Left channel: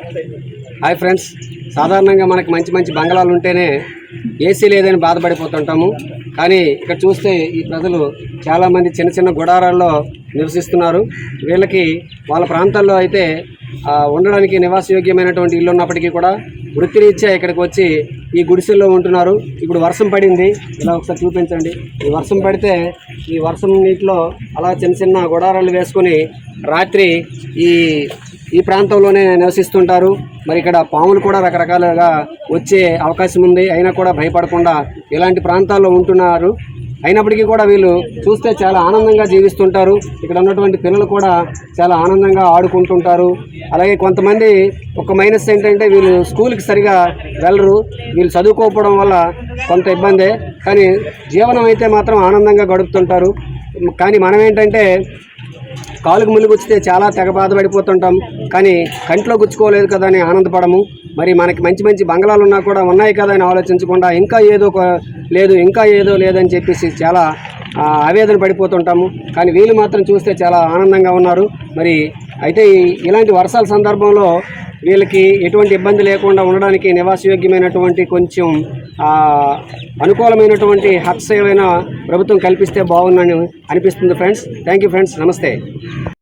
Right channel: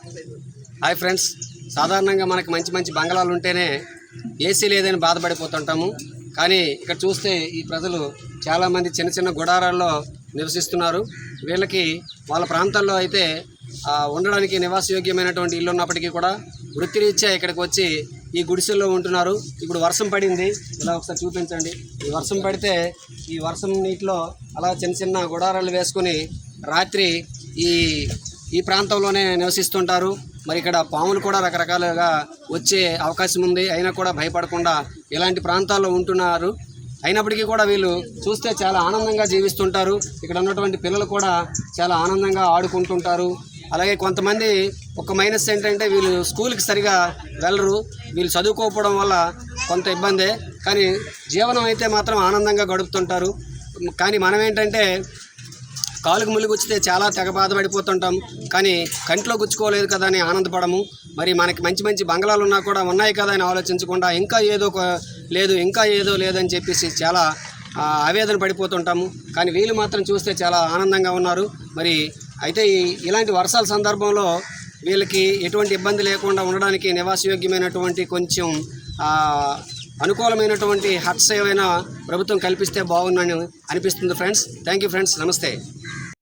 Hi friends. సాధారణంగా మనకి మంచి మంచి బంగళాలు ఉంటేనే ఏసీ లేదని బాధపడిపోతుంటాము. కానీ ఇక్కడ చూస్తే ఈ ప్రజలు చాలామంది చిన్న చిన్న గుడారాల్లో నివసిస్తున్నారు. వీళ్ళకి వాళ్ళ ప్రాంతాల్లో అయితే ఉండడానికి నివాసయోగ్యమైనటువంటి ఇల్లు ఉన్నప్పటికీ కూడా వృత్తిరీత్యా ఇక్కడికి వచ్చి ఈ గుడిసెల్లో ఉంటున్నారు. ఇప్పుడు వర్షం పడింది. ఇలా ఒకసారి చూపించండి. ఈ వర్షం పడితే ఈ వర్షం నీటిలో అలా చిన్న చిన్న గుడారాలు వేసుకొని రాత్రి ఈ ఈ ప్రాంతంలోనే నివసిస్తుంటారు. మరి ఇక్కడ పాములు కూడా రకరకాలుగా వచ్చే అవకాశం ఉంది. అయినా కూడా భయపడకుండా ఇలాంటి ప్రాంతాల్లో ఉంటున్నారు. అయినప్పటికీ కూడా వీళ్ళు చూస్తే చాలా ఆనందంగా జీవిస్తుంటారు. ఇక్కడ ఉన్నటువంటి పిల్లలు కూడా చాలా ఆనందంగా ఆడుకుంటుంటారు. అలాగే కొంతమంది ఒక మైనస్ ఏంటంటే వీళ్ళు స్కూల్కి సరిగా వెళ్ళరు. వీళ్ళు చదువుకోకపోవడం వల్ల కొంత ఇబ్బందే. కానీ జీవనం అయితే మాత్రం ఆనందంగా గడుపుతుంటారు. కానీ మనం ఏంటంటే కాలుకు ముళ్ళు గుచ్చితే చాలా తెగ బాధపడిపోతుంటాం. కానీ కంట్లో గుచ్చుకోలేదు కదా అని ఆనందపడము. మరి మనకి మంచి మంచి బంగ్లాలు ఉన్నా కూడా ఉన్నాయి కదా అని ఆలోచించకుండా ఇంకా ఏదో ఒక లేదు ఇంకా ఏదో లేదని చెప్పేసి చాలా ఆవేదన పడిపోతుంటాము. కానీ వీళ్ళు మాత్రం చూస్తే చాలా ఆనందంగా ఉన్నారు. మరి అయితే ఇలాంటి వర్షాల సందర్భంలో వీళ్ళకి ఎటువంటి ఇబ్బంది లేకుండా ఉండడానికి నివాసయోగ్యమైనటువంటి కొంచెం అనుకూలమైనటువంటి హట్స్ ఏమైనా ప్రభుత్వం కల్పిస్తే బాగుందని అనిపిస్తుంది ఫ్రెండ్స్. Thank you friends. నమస్తే.